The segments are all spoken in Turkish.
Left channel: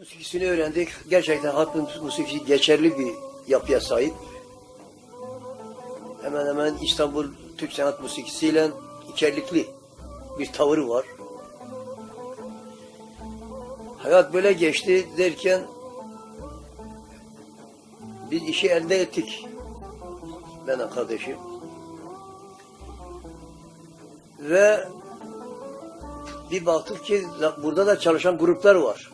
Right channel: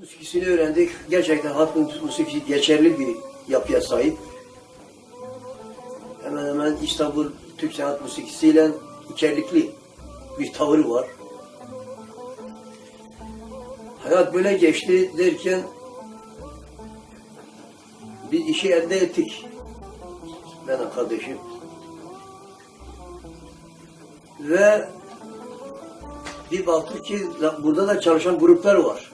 musikisini öğrendik. Gerçekten halk musikisi geçerli bir yapıya sahip. Hemen hemen İstanbul Türk sanat musikisiyle içerlikli bir tavırı var. Hayat böyle geçti derken biz işi elde ettik. Ben de kardeşim. Ve bir baktık ki burada da çalışan gruplar var.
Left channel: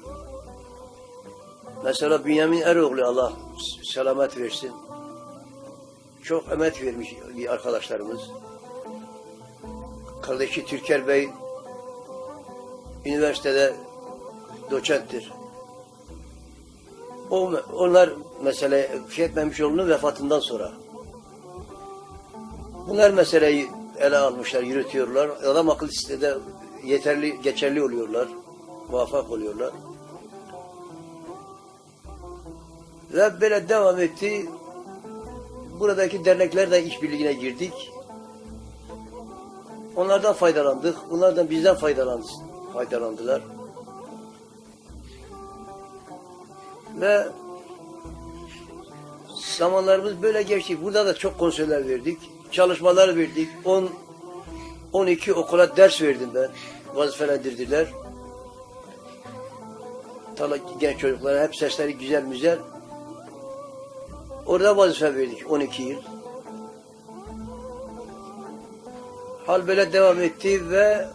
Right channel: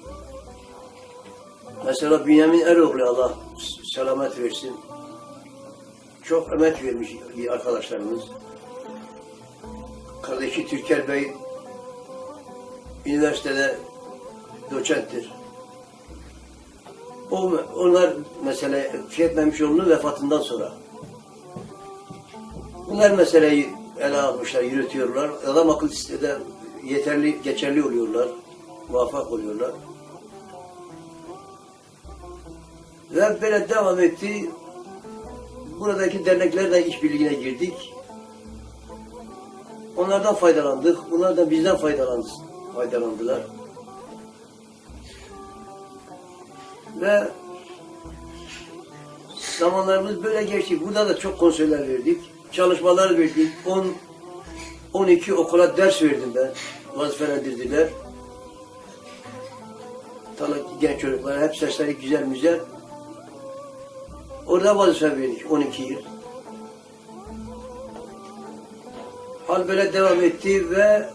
Mesela Bünyamin Eroğlu Allah selamet versin. Çok emek vermiş arkadaşlarımız. Kardeşi Türker Bey üniversitede doçenttir. Onlar mesela Fikret Memşoğlu'nun vefatından sonra. Bunlar meseleyi ele almışlar, yürütüyorlar. Adam akıl sitede yeterli, geçerli oluyorlar. Muvaffak oluyorlar. Ve böyle devam etti. Buradaki derneklerle işbirliğine girdik. Onlardan faydalandık. Onlar da bizden faydalandı, faydalandılar. Ve zamanlarımız böyle geçti. Burada da çok konserler verdik. Çalışmalar verdik. 10 12 okula ders verdim ben. Vazifelendirdiler. Genç çocuklara hep sesleri güzel güzel. Orada vazife verdik 12 yıl. Hal böyle devam etti ve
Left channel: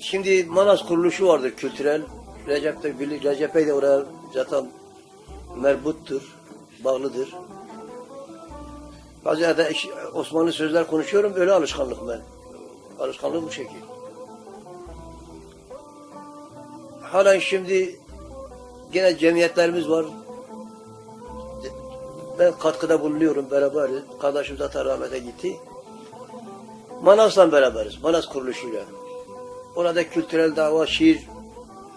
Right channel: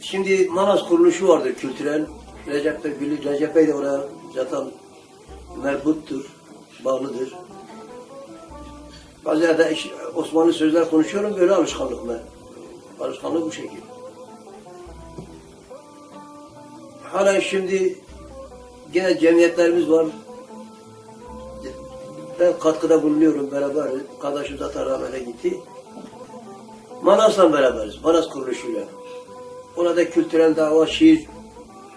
şimdi Manas kuruluşu vardır kültürel. Recep de Recep Bey de oraya zaten merbuttur, bağlıdır. Bazen de iş- Osmanlı sözler konuşuyorum, böyle alışkanlık ben. Alışkanlık bu şekil. Hala şimdi gene cemiyetlerimiz var. Ben katkıda bulunuyorum beraber. Kardeşim zaten rahmete gitti. Manas'la beraberiz. Manas kuruluşuyla. Orada kültürel dava, şiir,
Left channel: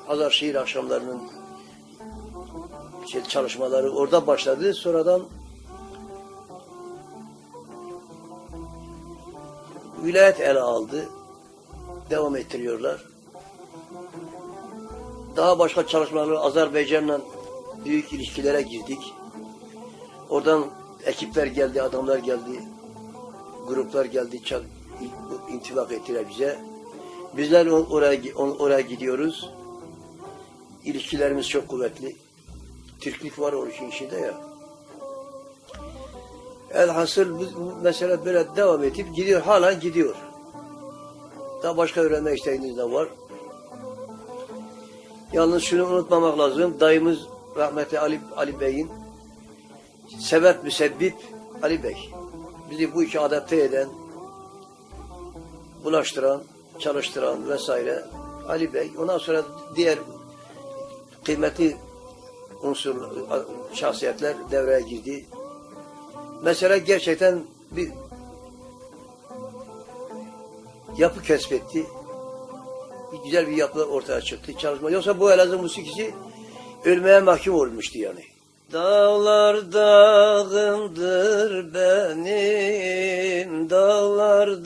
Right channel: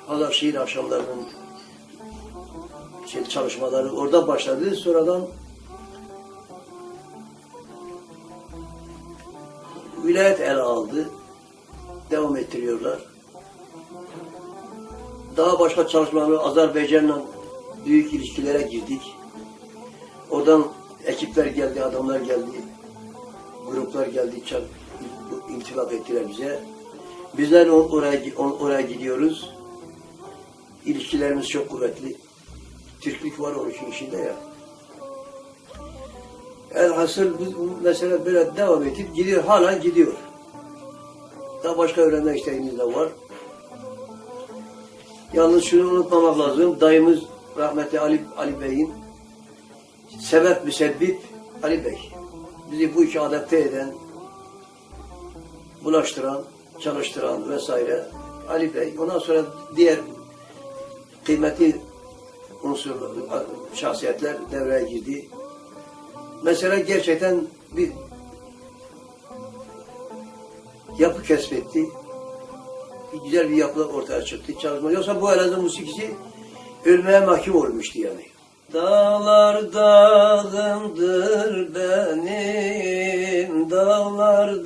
Hazar şiir akşamlarının şey, çalışmaları orada başladı. Sonradan vilayet ele aldı. Devam ettiriyorlar. Daha başka çalışmaları Azerbaycan'la büyük ilişkilere girdik. Oradan ekipler geldi, adamlar geldi, gruplar geldi, çal, intibak ettiler bize. Bizler o- oraya, on- oraya gidiyoruz. İlişkilerimiz çok kuvvetli. Türklük var o işin içinde ya. Elhasıl bu bu mesele böyle devam edip gidiyor, hala gidiyor. Daha başka öğrenme isteğiniz de var. Yalnız şunu unutmamak lazım. Dayımız rahmetli Ali, Ali Bey'in sebep müsebbip Ali Bey. Bizi bu işe adapte eden, bulaştıran, çalıştıran vesaire Ali Bey. Ondan sonra diğer kıymetli unsur, şahsiyetler devreye girdi. Mesela gerçekten bir yapı kesbetti. Bir güzel bir yapı ortaya çıktı. Çalışma. Yoksa bu Elazığ musikisi ölmeye mahkum olmuştu yani. Dağlar dağımdır benim, dağlar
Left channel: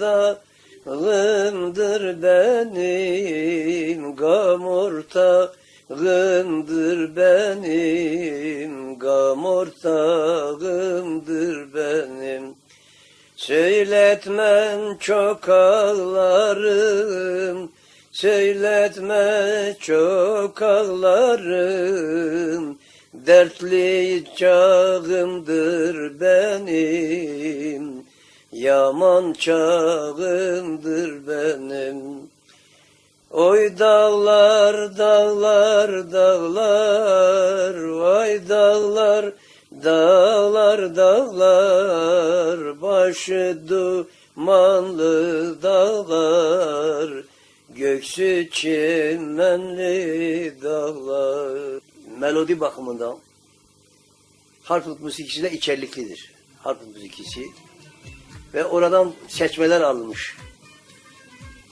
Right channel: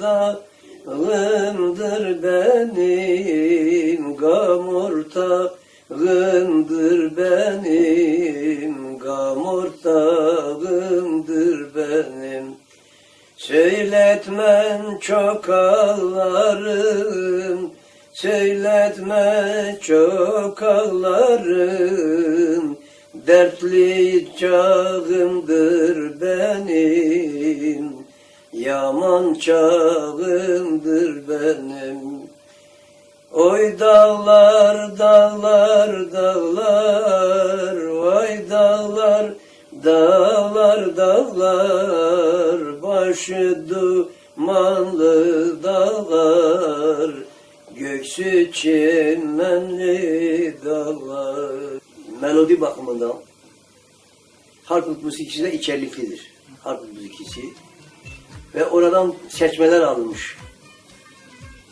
dağımdır benim, gamurtağımdır benim, gamurtağımdır benim. Söyletmen çok ağlarım, söyletme çok ağlarım. Dertli çağımdır benim, yaman çağımdır benim. Oy dağlar, dağlar, dağlar, vay dağlar, dağlar, dağlar, başı dumanlı dağlar, göksü çimenli dağlar. Melodi bakımından Harput musikisi de içerliklidir. Harput musikisi. Ve oradan seçmeler alınmış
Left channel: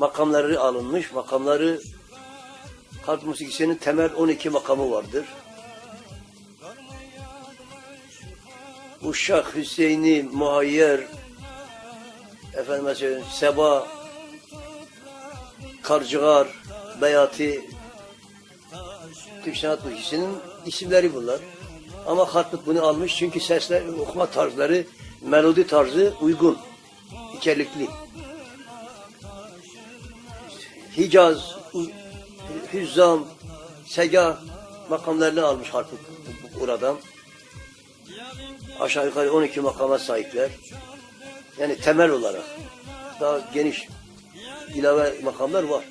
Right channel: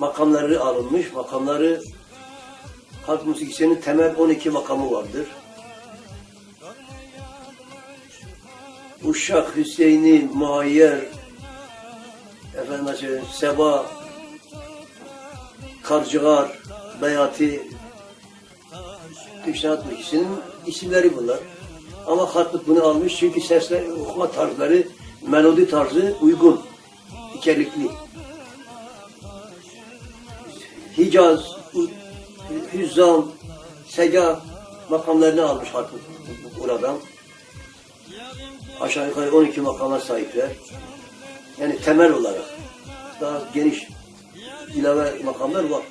makamları alınmış. Makamları halk musikisinin temel 12 makamı vardır. Uşak, Hüseyin'i, Muayyer, efendim Seba, Karcıgar, Beyati, Türk sanat müziğinin isimleri bunlar. Ama Harput bunu almış çünkü sesler, okuma tarzları, melodi tarzı uygun, içerikli. Hicaz, Hüzzam, Sega makamlarını almış Harput buradan. Aşağı yukarı 12 makama sahipler. Yani temel olarak daha geniş ilave makamlar var.